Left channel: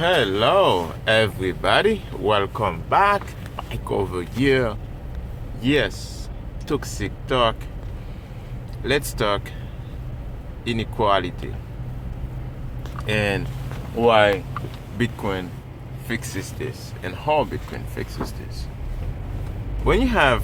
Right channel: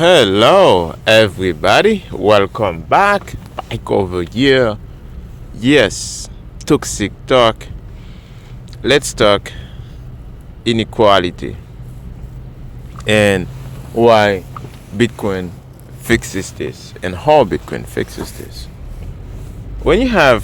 Hello, everybody. Welcome back. Back over here. Yes, toxic talk. Let's talk inequality and why Bitcoin fixes this and how Bitcoin fixes this. When you have,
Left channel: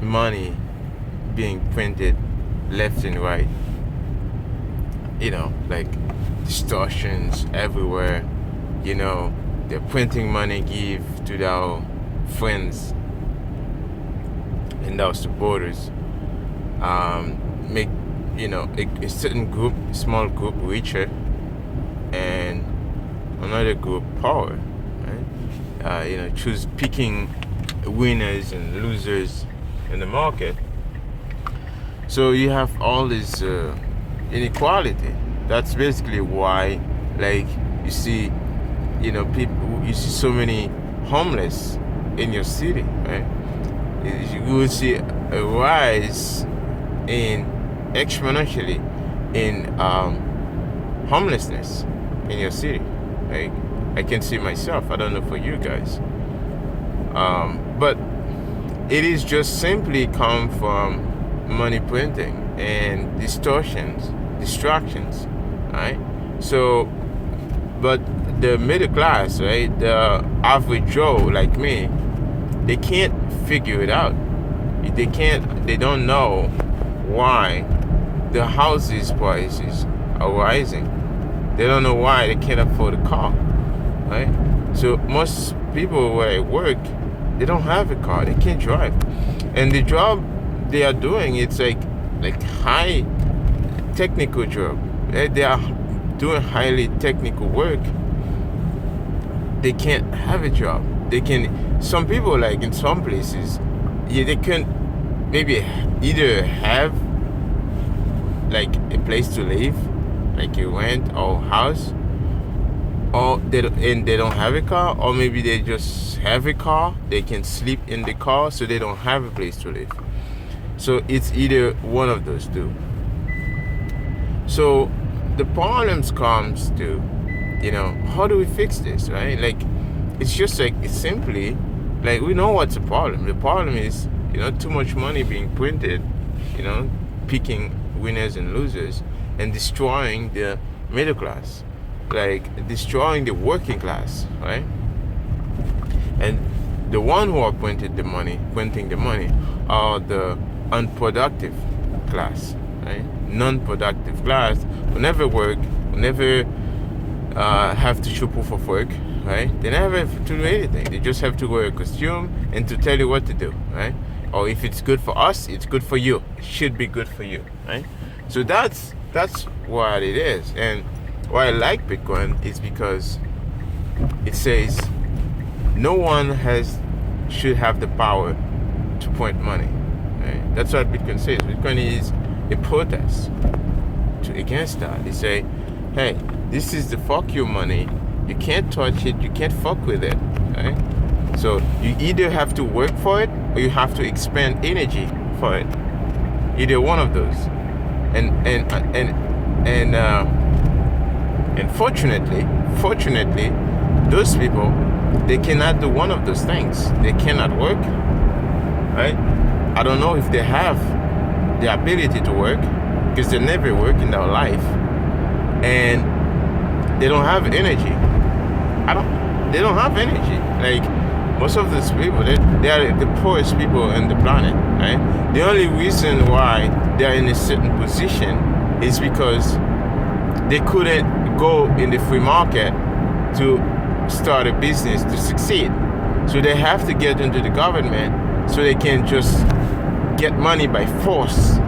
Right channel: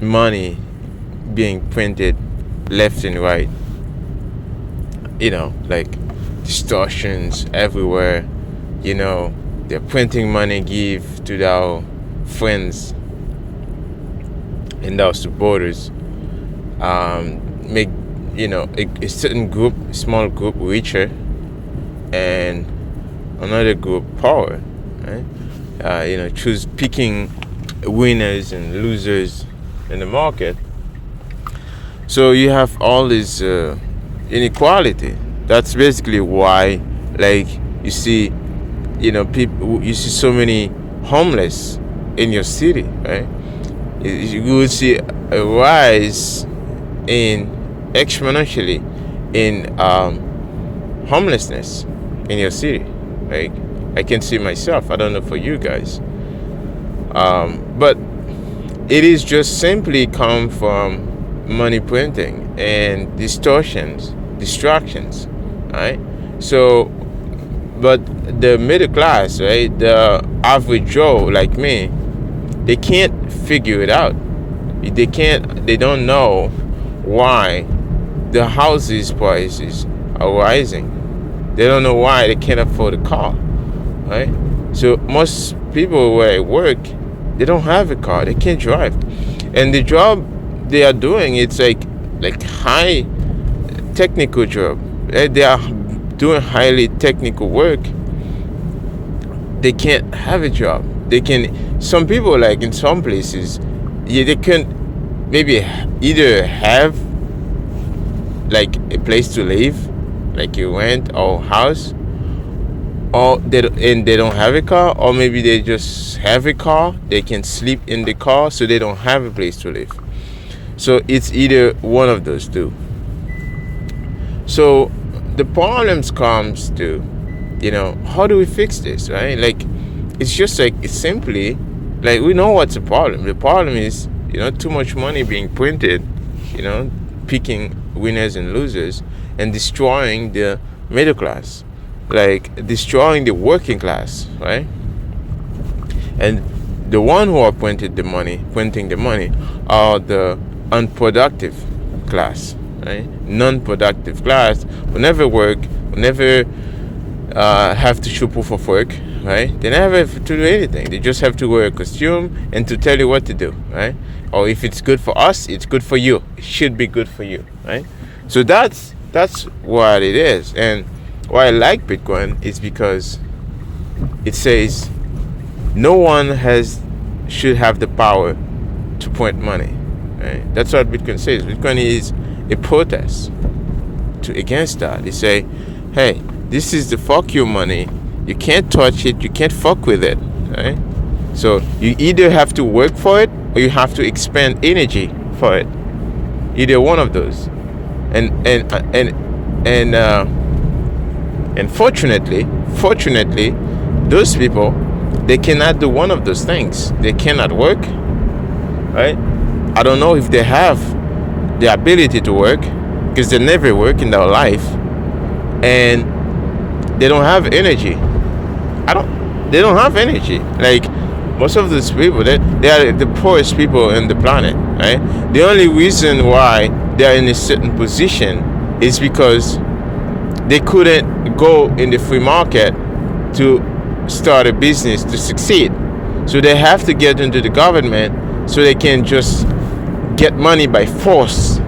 money being printed left and right, like distortions everywhere, they're printing money, give to their friends and our supporters, make a certain group, small group richer and another group power, right? Choose picking winners and losers in the market. So you have all this inequality. That's basically why, you see, people, you see so many homeless in your city, right? You will see a rise exponentially in homelessness in your city. Like, I can see myself. I don't know for you guys, but it is just simply come from money printing and distractions, right? So, but the middle class, right, the average Joe like me, they can't figure it out. They don't know why the houses prices are rising. They don't know why they can't afford a car, right? So most people where I work, they don't have a car, they can't drive. And the job they are doing, it's like high technical job. They are doing highly technical work. They can't have a job. Some people, like in some places, they can maybe either have like a place to live, like a rent or house, or they don't have a car, or maybe they just have a car, they can sleep in the car, so they don't have a place to live. So it's either one of those two. So the problems comes to, how do we fix this, right? Like, it's just it's simply, we know what's the problem. The problem is, too much money being printed, picking winners and losers and destroying the middle class, like destroying the working class, right? And the one who are printing the money are the unproductive class, right? Non-productive class will never work, will never have to show proof of work, right? They never have to do anything. They just have to wear a costume and to tell you what to do, right? Or if it's good for us, it's good for you. It should be good for you, right? So that's what it is. And why I like Bitcoin is because it says no one should have the power to print money. Right? That's what Bitcoin says. Bitcoin is a protest against that. They say, hey, this is the fuck you money. You can't touch it. You can't fuck with it. Right? So you either have to work for it or you have to expend energy for it. Either one of those. And fortunately, those people, they cannot do one of those things. They cannot work, right? I don't know if they have the ability to work because they never work in their life, and they don't have energy. They don't have energy. Like most of those people, they are the poorest people on the planet, right? The only reason why they are in a certain position is because they couldn't go in the free market to start a business to succeed. So they have to get into the government so they can just get money by force,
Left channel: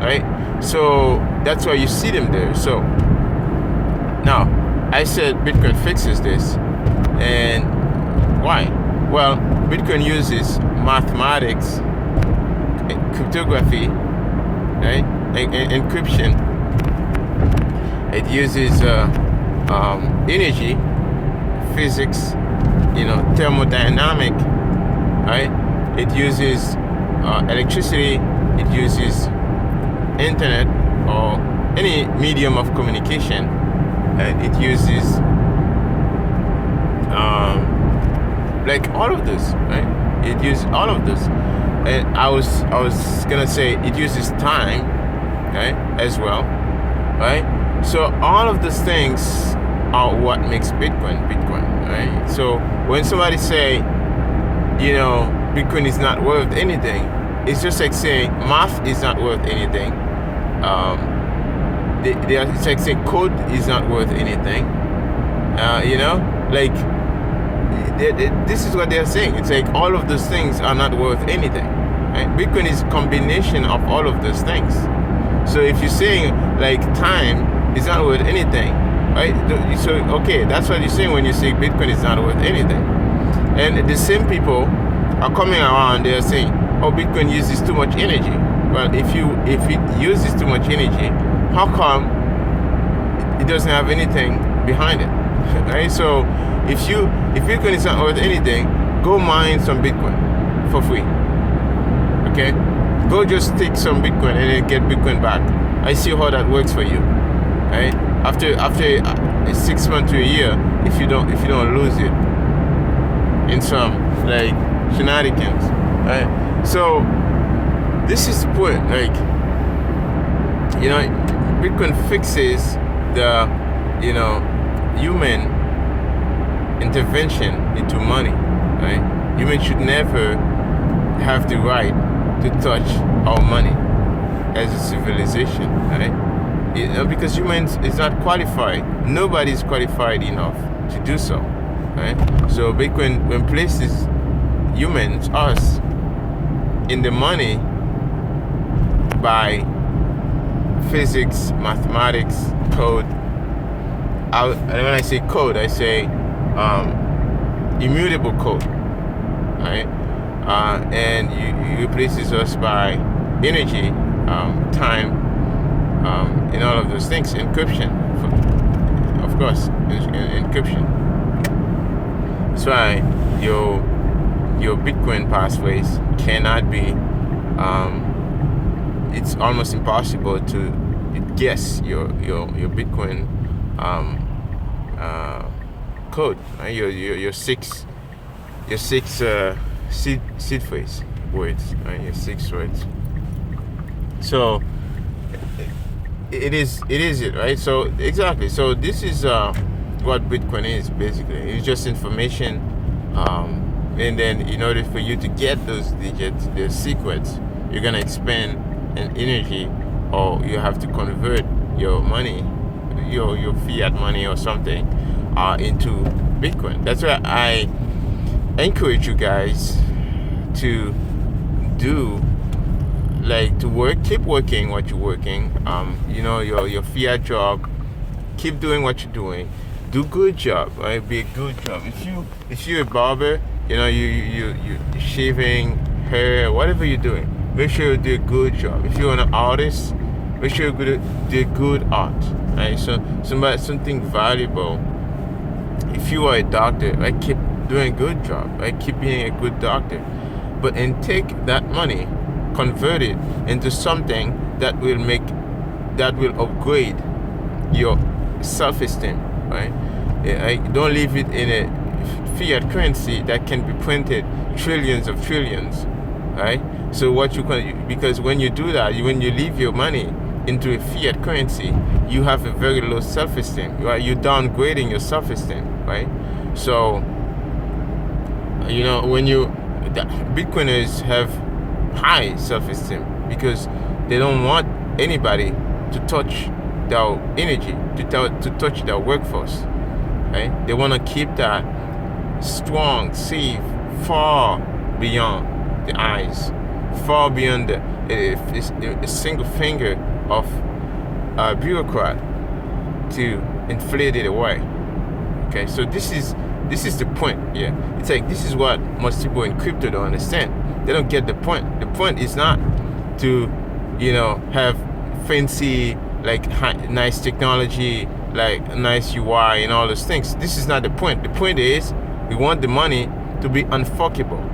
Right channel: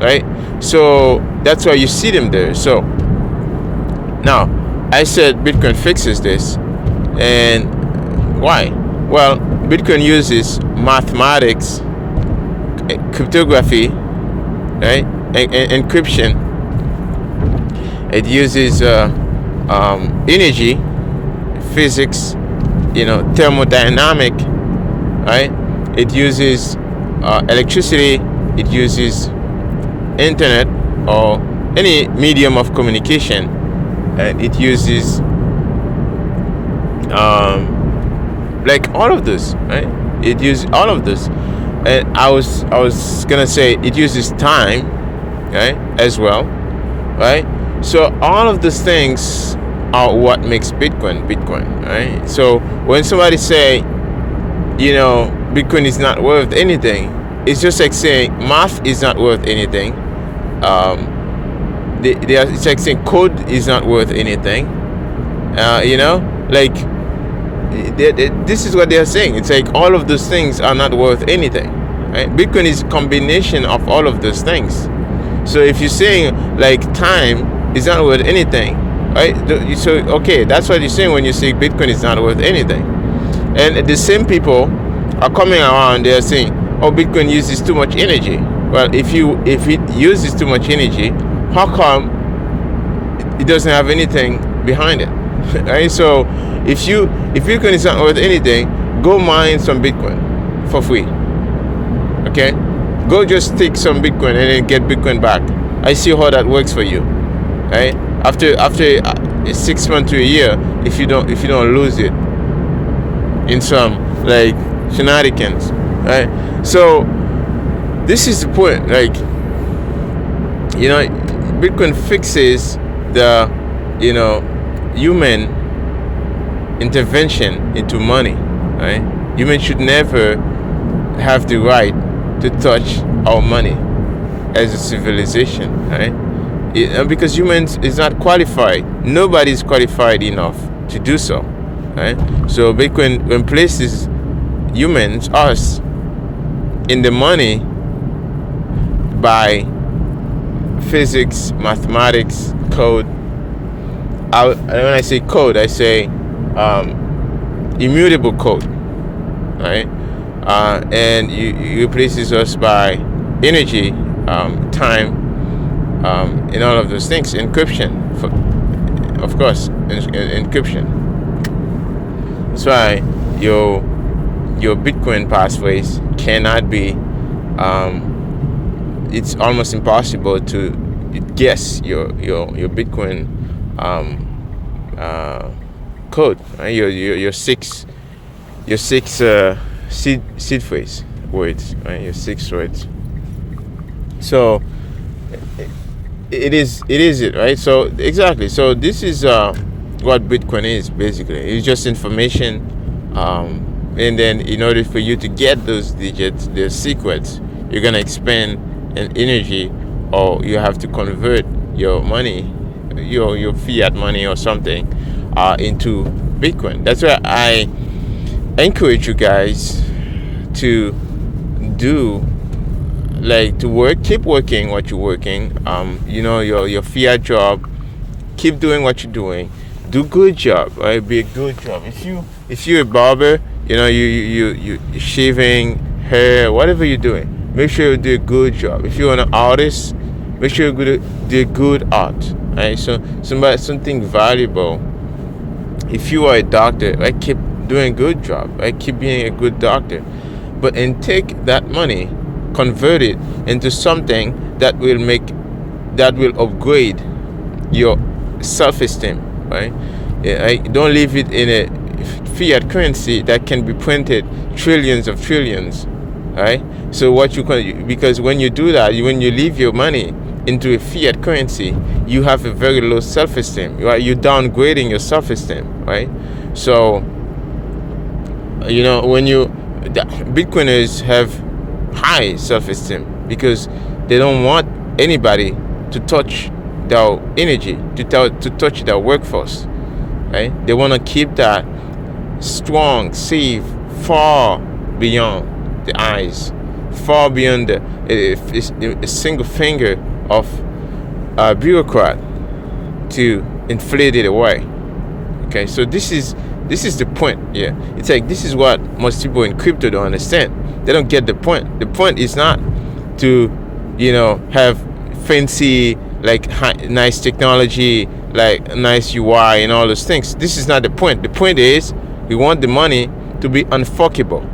right? So that's why you see them there. So now I said Bitcoin fixes this, and why? Well, Bitcoin uses mathematics, cryptography, right, and encryption. It uses energy, physics, thermodynamic, right? It uses electricity. It uses internet or any medium of communication and it uses like all of this, right? It uses all of this, and I was gonna say it uses time, right, as well, right? So all of these things are what makes Bitcoin, right? So when somebody say, Bitcoin is not worth anything, it's just like saying math is not worth anything. It's like saying code is not worth anything. This is what they are saying. It's like all of those things are not worth anything, right? Bitcoin is a combination of all of those things. So if you're saying like time is not worth anything, right? So okay, that's what you're saying when you say Bitcoin is not worth anything. And the same people are coming around, they are saying, oh, Bitcoin uses too much energy. Well, if it uses too much energy, how come it doesn't have anything behind it? Right? So if Bitcoin is not worth anything, go mine some Bitcoin for free. Okay? Go just take some Bitcoin and then get Bitcoin back. I see how that works for you. Right? After 6 months to a year, if you don't lose it in some like shenanigans, right? So this is the point. Like, Bitcoin fixes the human intervention into money, right? Humans should never have the right to touch our money as a civilization, right? Because humans is not qualified. Nobody is qualified enough to do so, right? So Bitcoin replaces humans, us, in the money by physics, mathematics, code. When I say code, I say immutable code, right? And it replaces us by energy, time, and all of those things. Encryption, of course, encryption. That's why your Bitcoin passphrase cannot be. It's almost impossible to guess your Bitcoin code, right? Your six seed phrase words, right? Your 6 words. So it is it, right? So exactly. So this is what Bitcoin is basically. It's just information, and then in order for you to get those digits, the secrets, you're gonna expend an energy, or you have to convert your money, your fiat money or something, into Bitcoin. That's why I encourage you guys to do, like, to work, keep working what you're working, your fiat job, keep doing what you're doing, do good job, right? Be a good job. If you're a barber, you shaving hair, whatever you're doing, make sure you do a good job. If you're an artist, make sure you do good art, right? So something valuable. If you are a doctor, right, keep doing a good job, right? Keep being a good doctor, and take that money, convert it into something that will upgrade your self-esteem, right? Don't leave it in a fiat currency that can be printed trillions of trillions, right? So because when you do that, when you leave your money into a fiat currency, you have a very low self-esteem, right? You're downgrading your self-esteem, right? So Bitcoiners have high self-esteem because they don't want anybody to touch their energy, to touch their workforce, right? They want to keep that strong, safe, far beyond the eyes, far beyond a single finger of a bureaucrat to inflate it away. Okay, so this is the point. Yeah, it's like, this is what most people in crypto don't understand. They don't get the point. The point is not to have fancy, like, nice technology, like nice UI and all those things. This is not the point. The point is we want the money to be unfuckable.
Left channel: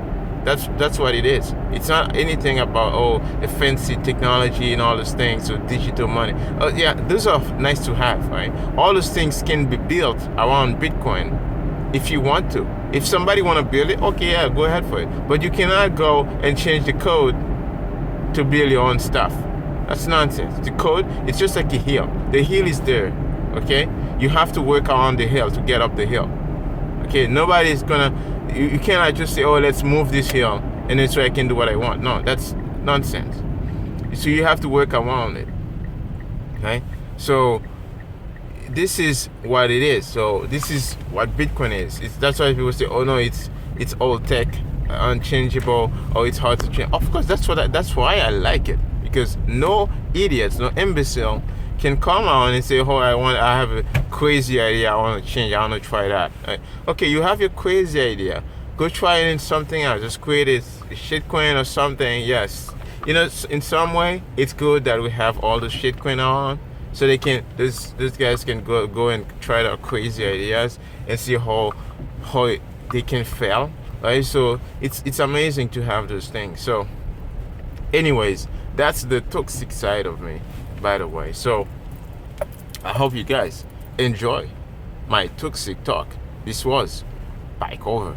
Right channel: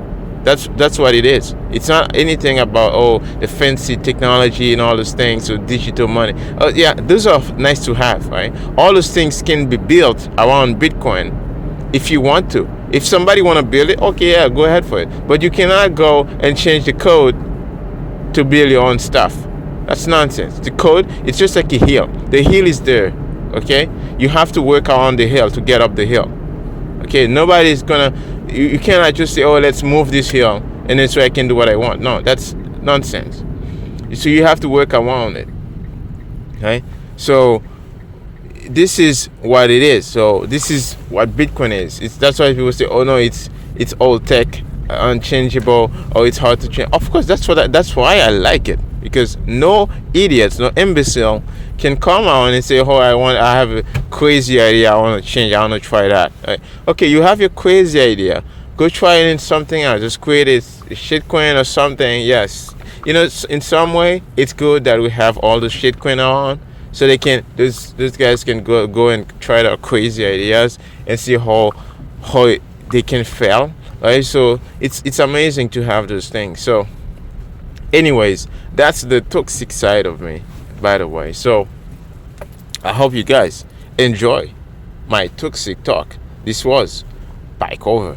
That's what it is. It's not anything about the fancy technology and all those things, so digital money. Yeah, those are nice to have, right? All those things can be built around Bitcoin if you want to. If somebody want to build it, okay, yeah, go ahead for it. But you cannot go and change the code to build your own stuff. That's nonsense. The code, it's just like a hill. The hill is there, okay? You have to work around the hill to get up the hill. Okay, nobody's gonna, you cannot just say, let's move this hill and then so I can do what I want. No, that's nonsense. So you have to work around it, okay? So this is what it is. So this is what Bitcoin is. That's why people say, no, it's old tech, unchangeable, or it's hard to change. Of course, that's why I like it, because no idiots, no imbecile can come out and say, I have a crazy idea, I want to change, I want to try that. Right? Okay, you have your crazy idea, go try it in something else. Just create a shitcoin or something. Yes, in some way it's good that we have all the shitcoin on, so they can, those guys can go and try their crazy ideas and see how they can fail. Right? So it's amazing to have those things. So anyways, that's the toxic side of me, by the way. So I hope you guys enjoy my toxic talk. This was Bike Over.